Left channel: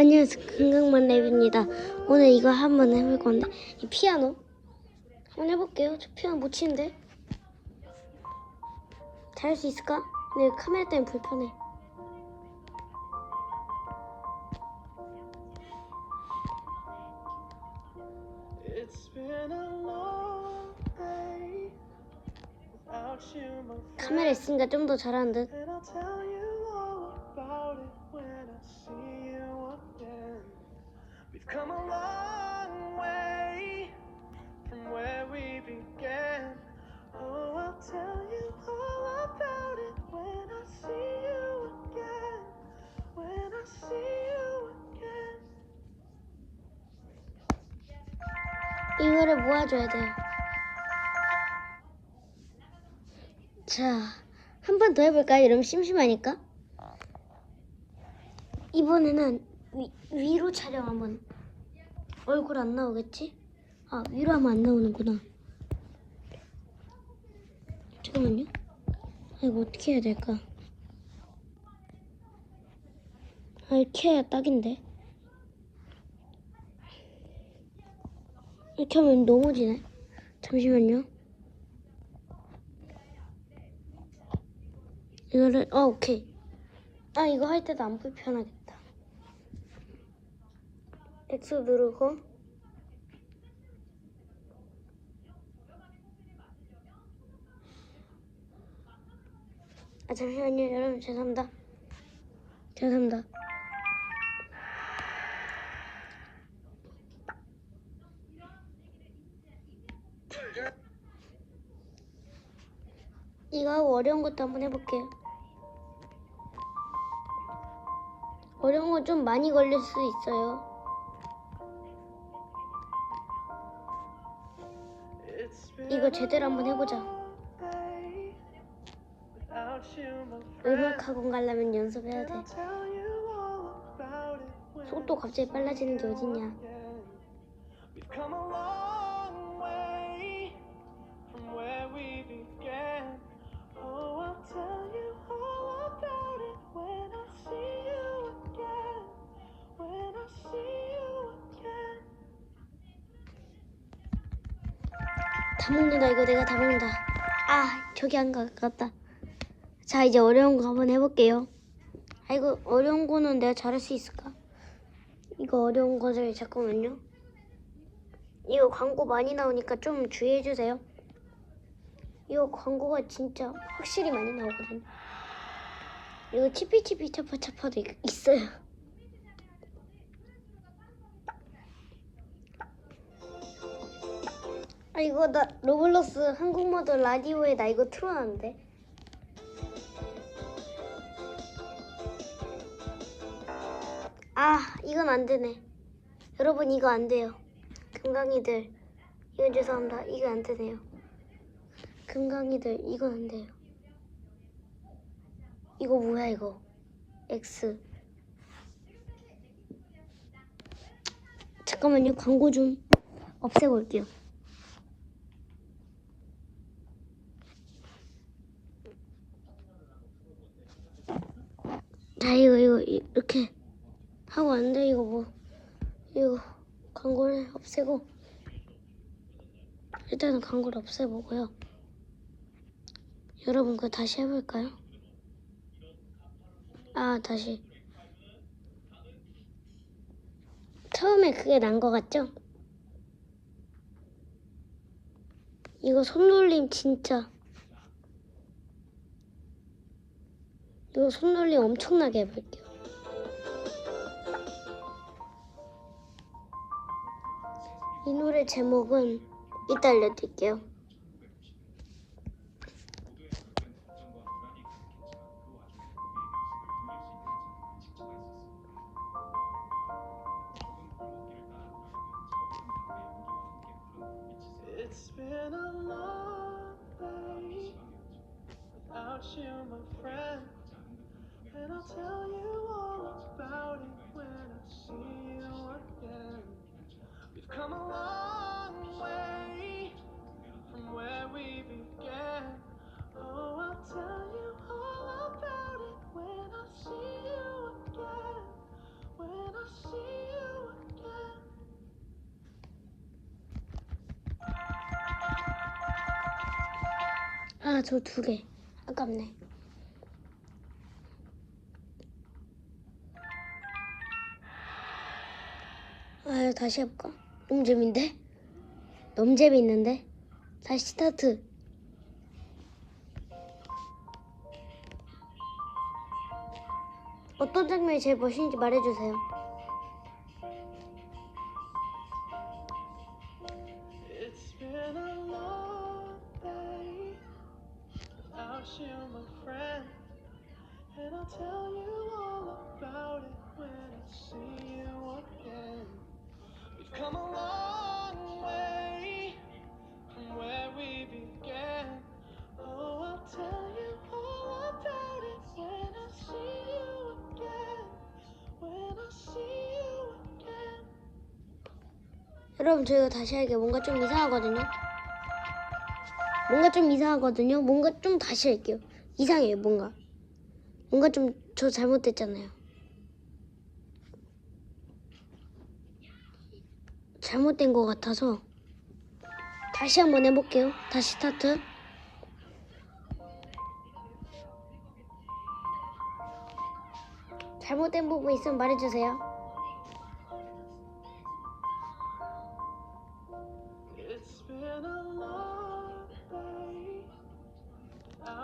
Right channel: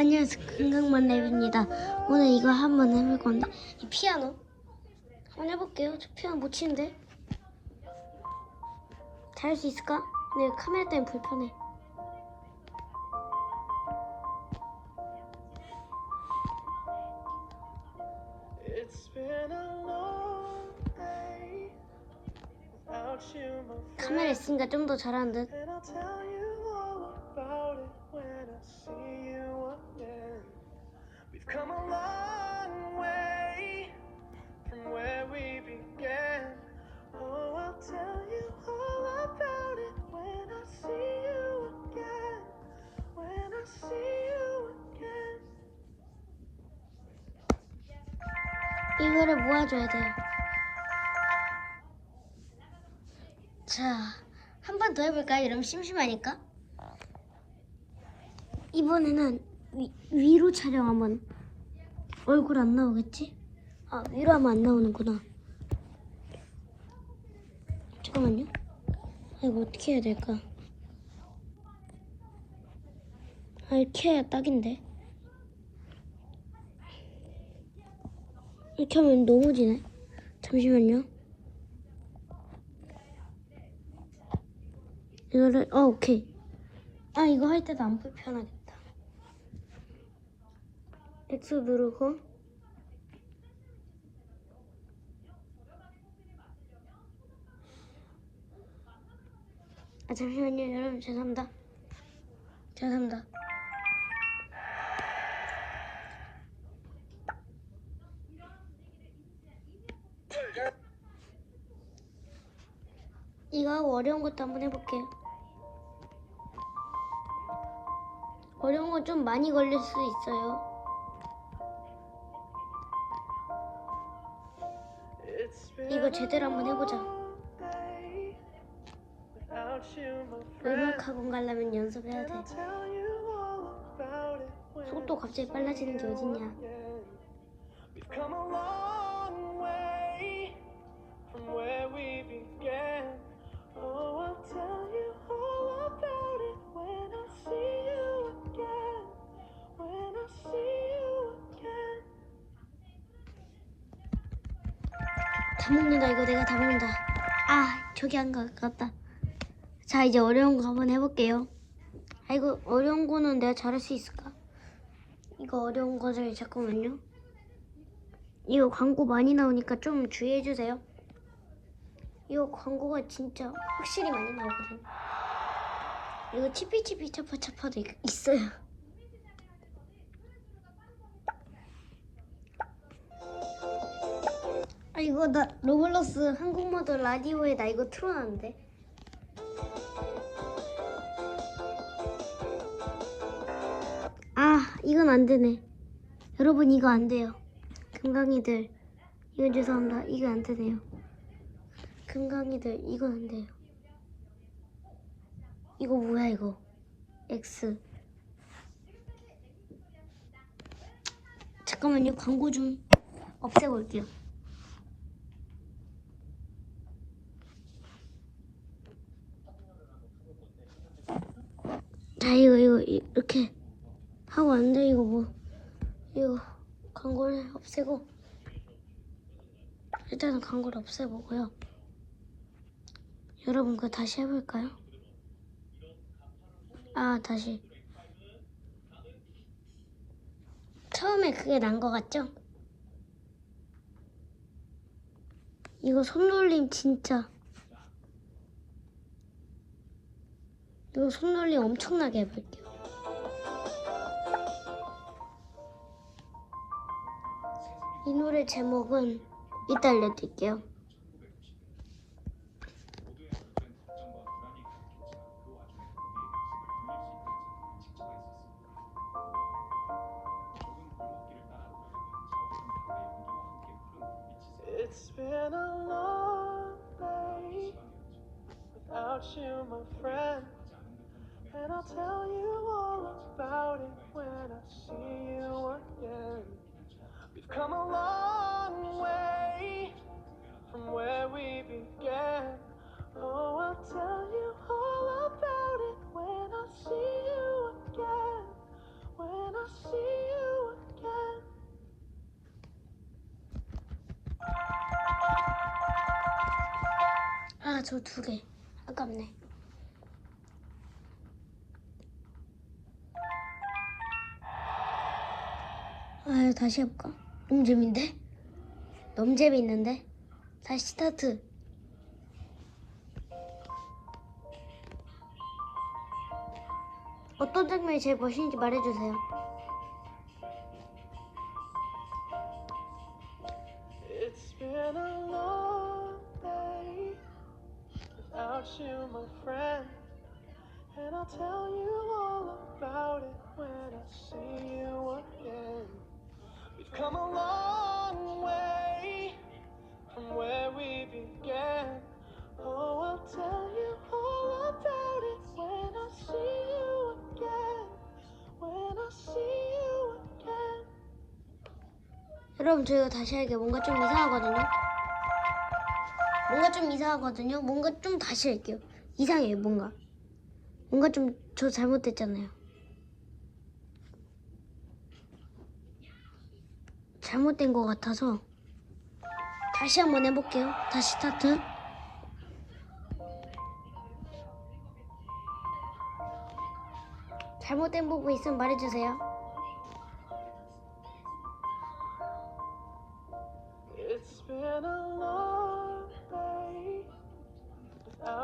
안녕하세요. 건강만 랩입니다. 오늘 이거 한번 해볼 건데 이 피아노 한번 해볼게요. 저 피아노 못 치는데 잘 할 수 있을까? 근데 카메라 때문에 불편해. 카메라. 있으니까 좀 더 잘하는 듯. We've come a long way from where we began. Oh, I'll tell you all about it when I see you again. When I see you again. 이거를 모아줘야 돼요. 자, 한 번 더 해볼까요? 이러면 심심하니까. 이번에는 위, 위로 촬영 한번. 얼굴 안 나오겠지? 아, 위로 하면 안 나오는구나. 잠깐만요. 아, 이거 어떻게 해야 될까? 아, 이렇게 해야 딱인데. 이렇게 하면 너무 지네. 잠시만요. 이거를, 어, 오케이. 아, 이거 할 때도 안 불편하겠다. X 누르고. 아, 잠시만요. 여러분, 죄송합니다. 죄송합니다. 이거 어려운 것도 한번 해볼게요. 어려운 거 좀 많이 걸릴 수 있어요. 이거 제대로 한번 해보자. friend. 음악 학원 가려면 연습해야 돼. 속도 갑자기 빨라지는 게 어딨냐. 다 먹는다 이거 내가 다 먹는다. 아 저기 안 가, 갔다. 자 이제 어려운 거 한번 해볼게요. 아 이거 어려운 거는 내가 잘할 수 있을까? 이거 어려운 거를 잠깐만요. 이거 광고 많이 나오니까 좀 주의해 주세요. 이거 광고가 진짜 확실히 많이 나오거든. 이거 치피치피 차파차파도 있- 있어요. 아 이거 나 로블록스 한국모드 라디오에 나 이거 틀어놨는데. 아 이건 안 되네. 여러분 이거 안 돼요. 금강이들. 이건 죄송합니다. 이거 안 되네요. 금강이들 이건 안 돼요. 이거 뭐야 이거? X. 잠깐만요. 광고 좀 없애고 올게요 자 이거 이거 이렇게 하고 안 돼 이거 뭐 이거 광고를 없애고 일단은 광고를 없애보고요 여러분 그거 다시 해볼까요? 아 다시 처음에 그게 난 거 같죠? 이거 손놀림 진짜 이거 손놀림 엄청나게 해볼게요. 이 노래 제목은 이따 알려드릴게요. And I'll tell you all about it when I see you again. We've come a long way from where we began. Oh, I'll tell you all about it when I see you again. When I see you again. Ah, 저두 개. 아깝네. 아, 다시 해볼까? 너무 재밌는데? 너무 재밌는데? 다시 스타트. 어떤 장면이 제일 멋있는지 말해주세요. And I'll tell you all about it when I see you again. Come a long way from where we began. Oh, I'll tell you all about it when I see you again. When I see you again. 여러분 저희가 다시 할게요. 뭔가 좀 이상하거든요. 뭔가 좀 이상하거든요. 뭔가 좀 다시 할게요. 이상해요. 뭔가. 뭔가 좀 저 잘못됐잖아요. 잘못된 것 같아서 다시 한번 해볼게요. 다시 스타트. 잘못된 부분 있으면 말해주세요.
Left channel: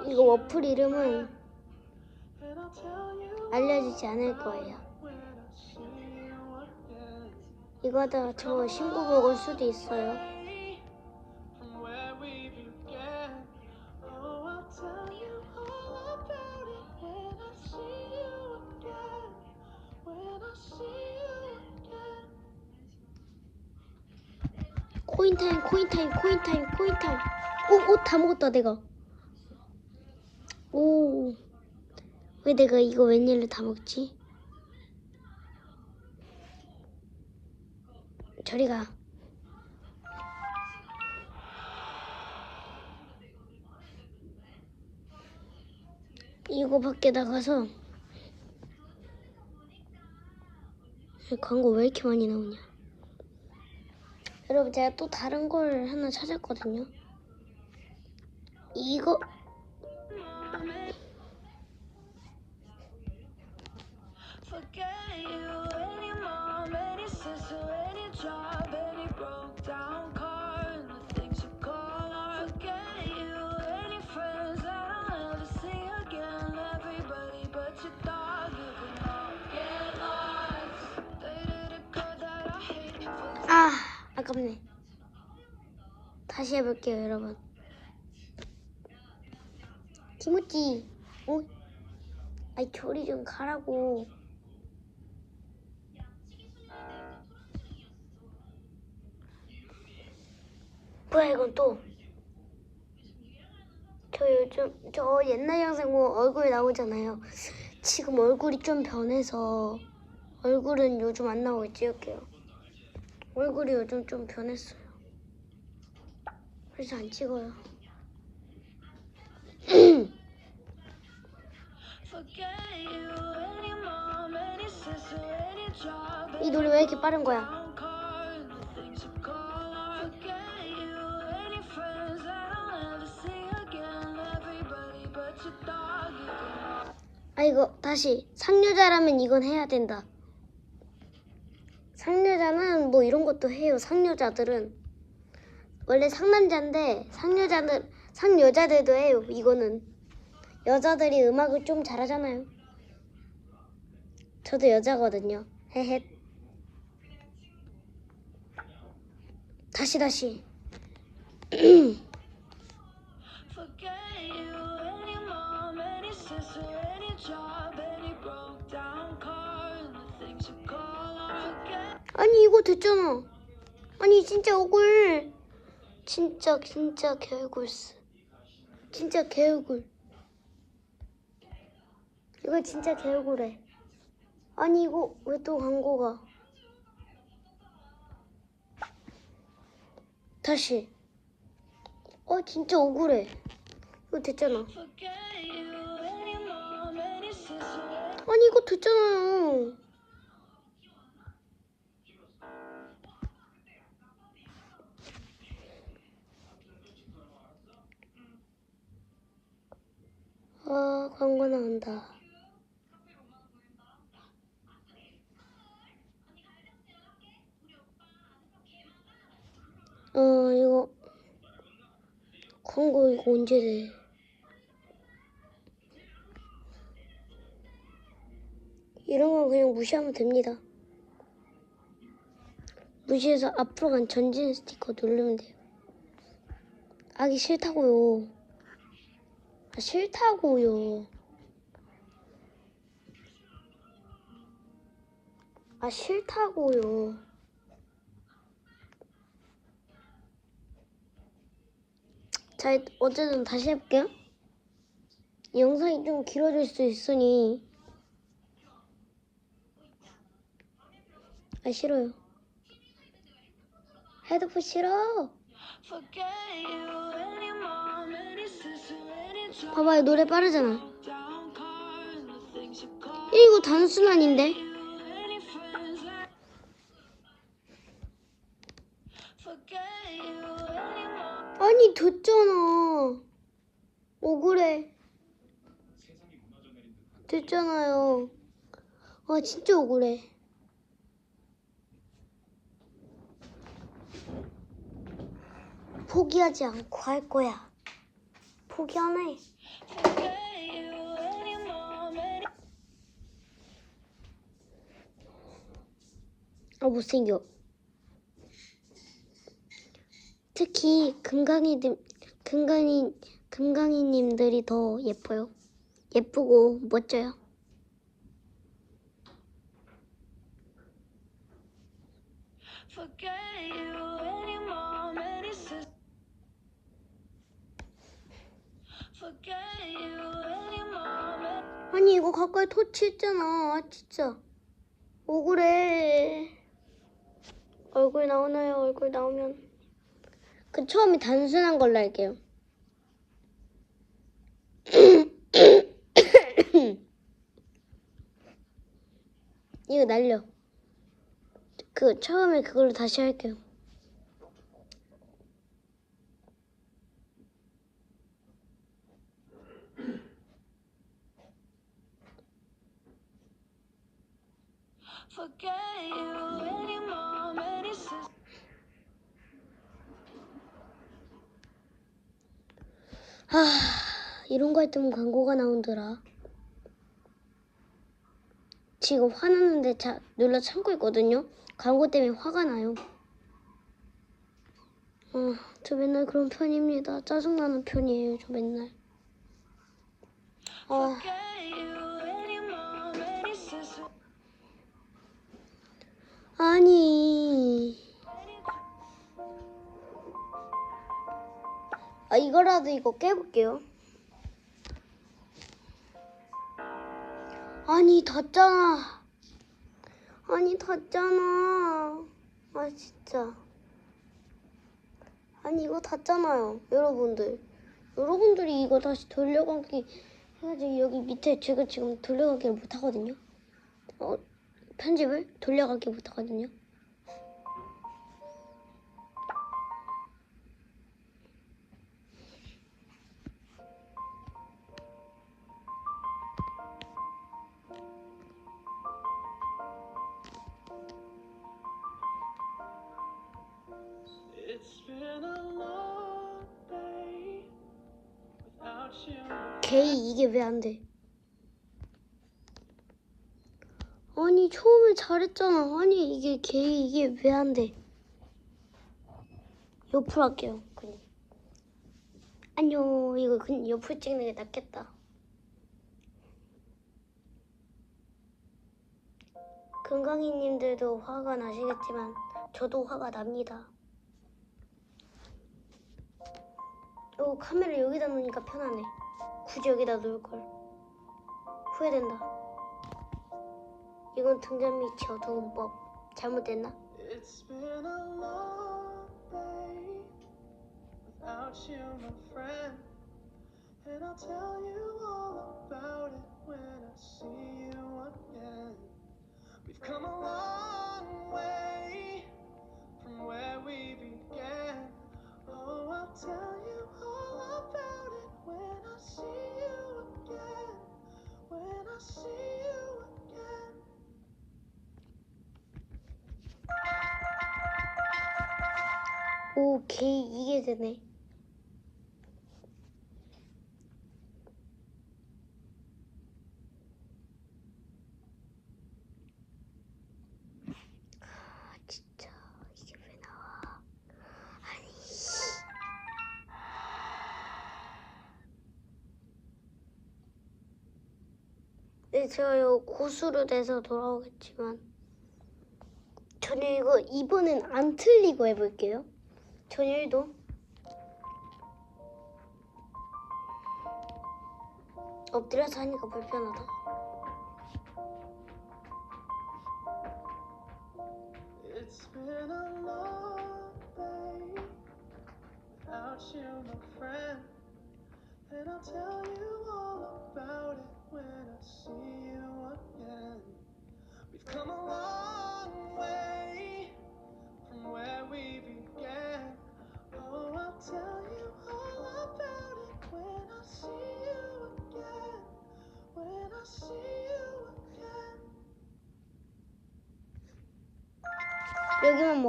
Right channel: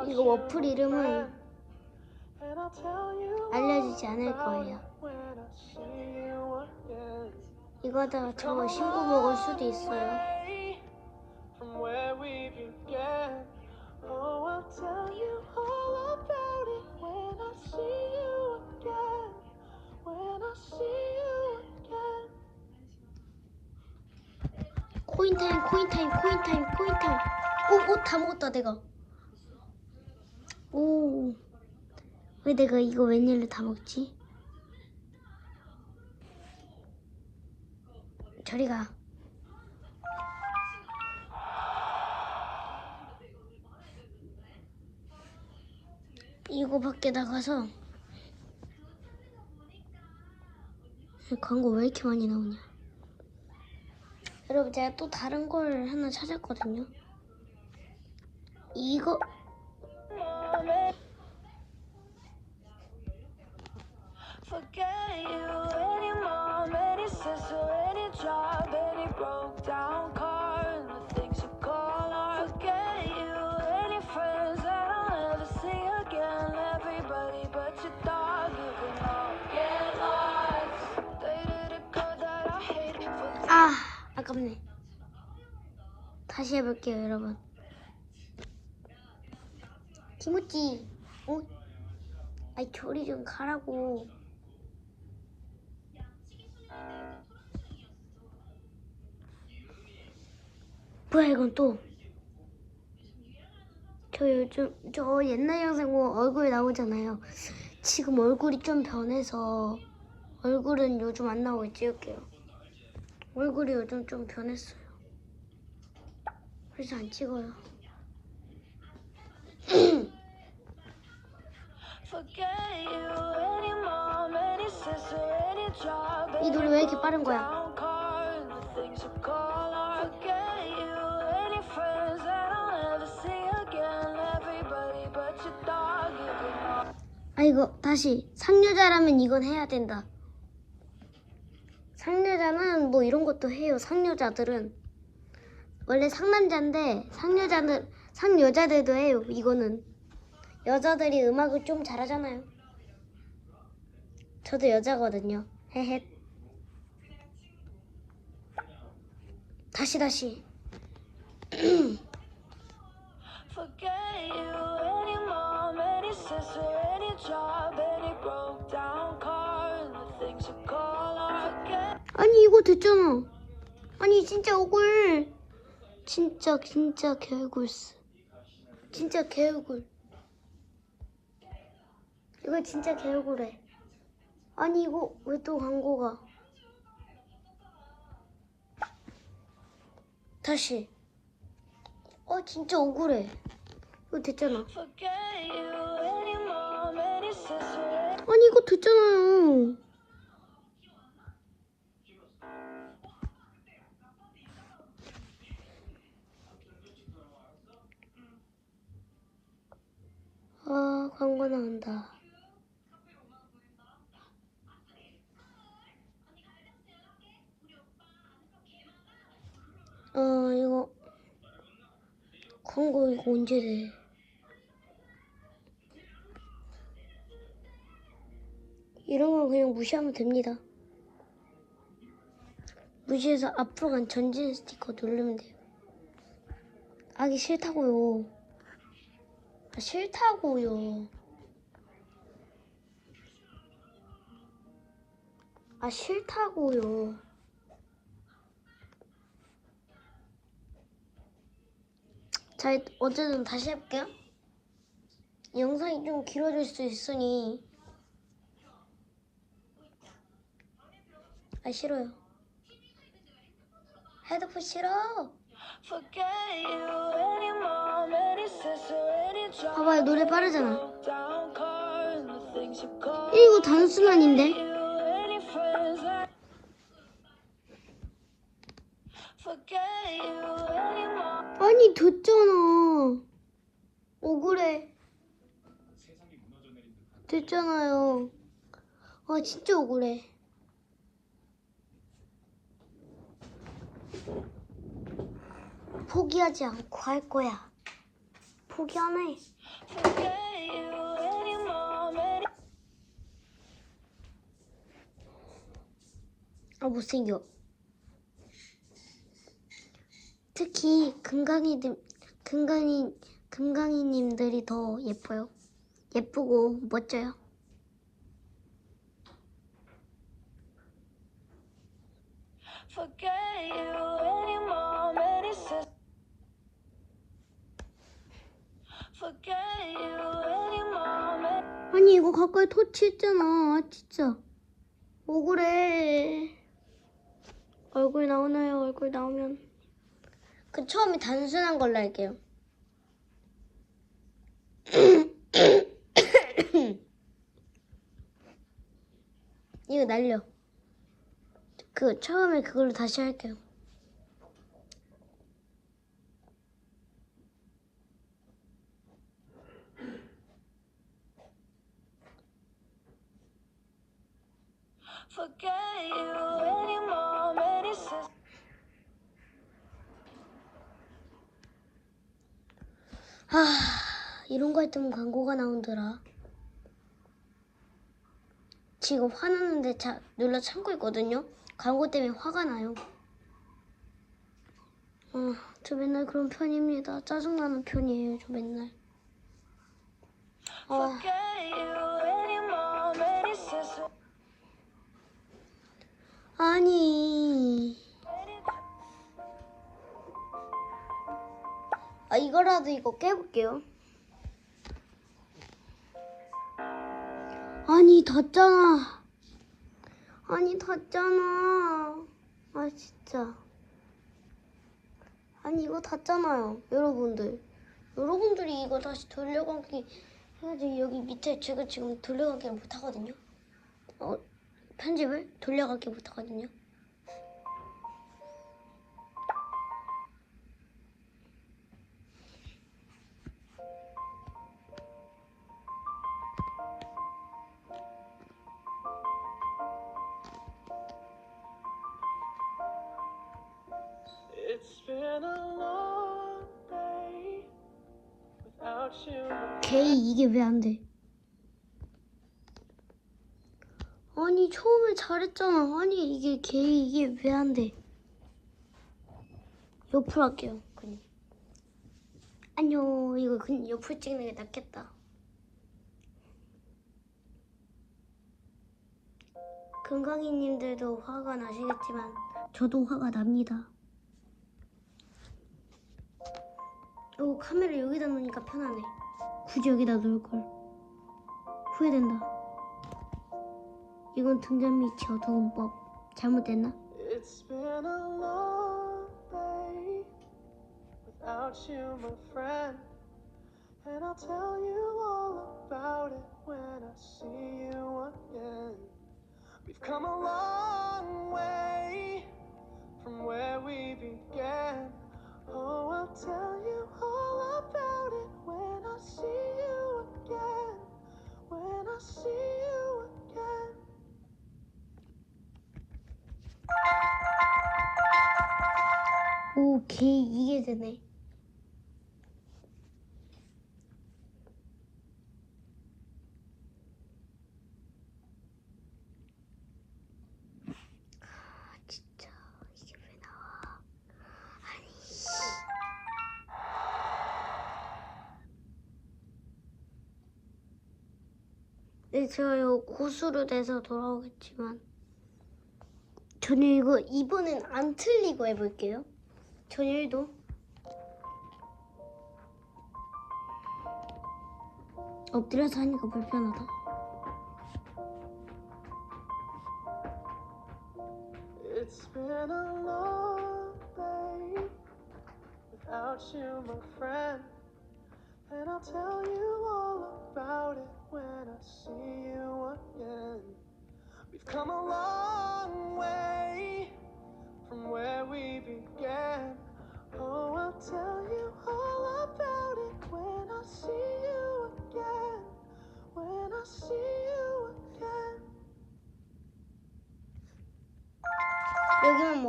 이거 어플 이름은 알려주지 않을 거예요. It when I see you again. 이거 하다가 저 Come a 신고 먹을 수도 있어요. way From where we began. Oh, I'll tell you all about it when I see you again. When I see you again. 코인 타임, 코인 타임, 코인 타임, 코인 타임. 오, 오, 다 먹었다 내가. 오, 왜 내가 이거 웬일로 다 먹지? 저리 가. 이거 밖에 나가서 이 광고 왜 이렇게 많이 나오냐? 여러분 제가 또 다른 걸 하나 찾았거든요. 이거 Forget you, any mom, any sister, job, any broke down car, and the things you call art. Forget you, any friends that I'll never see again. Everybody but your dog, giving up. Get lost. Dated a girl that I hate. Forget 아 아깝네. 다시 해볼게요 여러분. 김우찌, 어? 아이 저리 좀 가라고. 뭐야 이건 또? 저 요즘 저 옛날 영상 보면 얼굴 나오잖아요. 지금 얼굴이 좀 변해서 얼굴은 요즘 안 나오게 찍을게요. 얼굴이 요즘 좀 변했어요. 그래서 안 찍어요. 이 노래 왜 이렇게 빠른 거야? 이거 다시 상여자라면 이건 해야 된다. 상여자는 뭐 이런 것도 해요. 상여자들은 원래 상남자인데 상여자들 상여자들도 해요. 이거는 여자들이 음악을 좀 잘하잖아요. 저도 여자거든요. 헤헷. 다시 다시. 아니 이거 됐잖아. 아니 진짜 억울. 진짜 진짜 개억울스. 진짜 개억울. 이거 진짜 개억울해. 아니 이거 왜 또 광고가? 다시. 어 진짜 억울해. 이거 됐잖아. 아니 이거 듣잖아요. 아 광고 나온다. 어 이거 광고 이거 언제 돼? 이런 건 그냥 무시하면 됩니다. 무시해서 앞으로 간 전진 스티커 누르면 돼요. 아기 싫다고요. 아, 싫다고요. 아 싫다고요. 자, 어쨌든 다시 해볼게요. 이 영상이 좀 길어질 수 있으니 아 싫어요. 헤드폰 싫어. 봐봐요 노래 빠르잖아. 이거 단순한인데? 아니 됐잖아. 억울해. 됐잖아요. 아 진짜 억울해. 포기하지 않고 할 거야. 포기 안 해. 아 못생겨. 특히 금강이들 금강이 금강이님들이 더 예뻐요. 예쁘고 멋져요. forget 아니 이거 가까이 터치했잖아. 아, 진짜 억울해. 얼굴 나오나요? 얼굴 나오면 그 처음에 단순한 걸로 할게요. 이거 날려. 그 처음에 그걸로 다시 할게요. 아 이런 거 할 때면 광고가 나온더라. 지금 화나는데 자 눌러 참고 있거든요. 광고 때문에 화가 나요. 아, 저 맨날 그런 편입니다. 짜증나는 편이에요, 저 맨날. 아, 아니. 아, 이거라도 이거 깨볼게요. 아니, 닿잖아. 아니, 닿잖아. 아, 진짜. 아니, 이거 닿잖아요, 여러분들. 여러분들이 이거 다시 돌려가기 해야지. 여기 밑에 제가 지금 돌려가기를 못하거든요. 어, 편집을 돌려가기 못하거든요. 게이 이게 왜 안 돼? 아니 처음에 잘 했잖아. 아니 이게 게이 이게 왜 안 돼? 옆으로 할게요. 그냥. 안녕 이거 그냥 옆으로 찍는 게 낫겠다. 건강이님들도 화가 나시겠지만 저도 화가 납니다. 어 카메라 여기다 놓으니까 편하네. 굳이 여기다 놓을 걸. 후회된다. 이건 등잔 밑이 어두운 법. 잘못됐나? It's been a long day without you, my friend. And I'll tell you all about it when I see you again. We've come a long way from where we 오케이 이게 되네. 네, 저요 고수로 돼서 돌아오겠지만 저는 이거 이번엔 안 틀리고 해볼게요. 전일도? 엎드려서 하니까 불편하다. It's been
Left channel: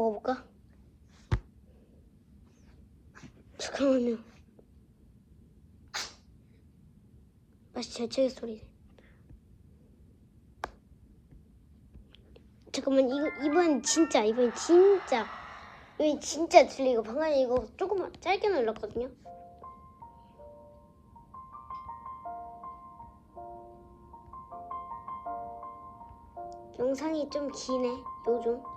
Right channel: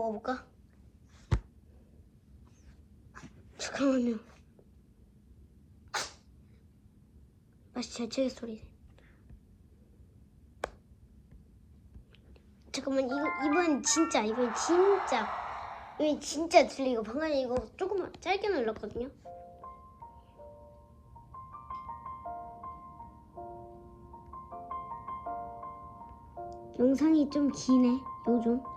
먹어볼까? 잠깐만요. 맛이 제철 소리. 잠깐만 이거 이번 진짜 이번 진짜 이번 진짜 들리고 방금 이거 조금만 짧게 눌렀거든요. 영상이 좀 기네 요즘.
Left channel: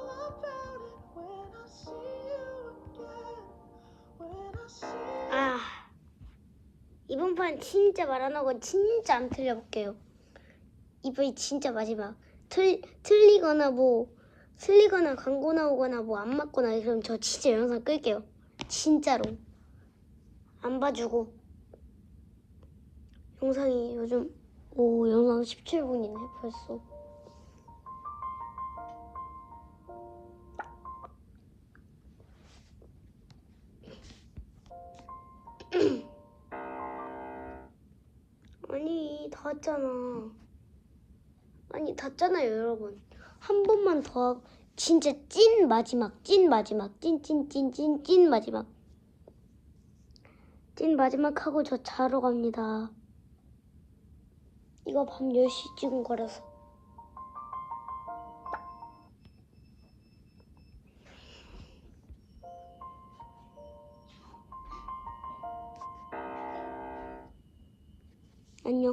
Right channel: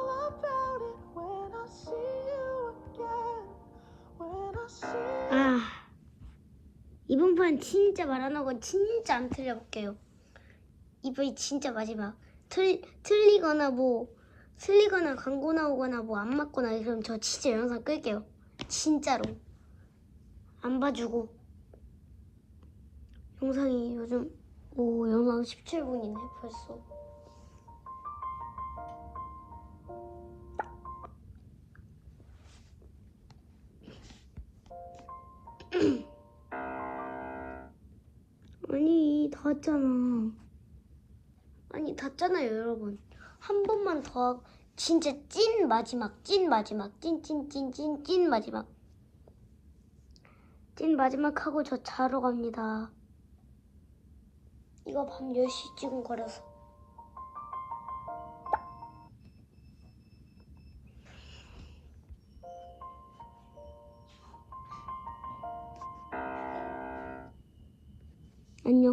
이번 판 진짜 말 안 하고 진짜 안 틀려볼게요. 이번이 진짜 마지막. 틀 틀리거나 뭐 틀리거나 광고 나오거나 뭐 안 맞거나 그럼 저 진짜 영상 끌게요. 진짜로 안 봐주고 영상이 요즘 오 영상 17분이네 벌써. 닿았잖아. 아니 닿잖아요 여러분. 한 번만 더 하고 진짜 찐 마지막 찐 마지막 찐 찐 찐 찐 찐 마지막 찐 마지막 하고 저 자러 갑니다. 이거 밤 10시 찍은 거라서. 안녕.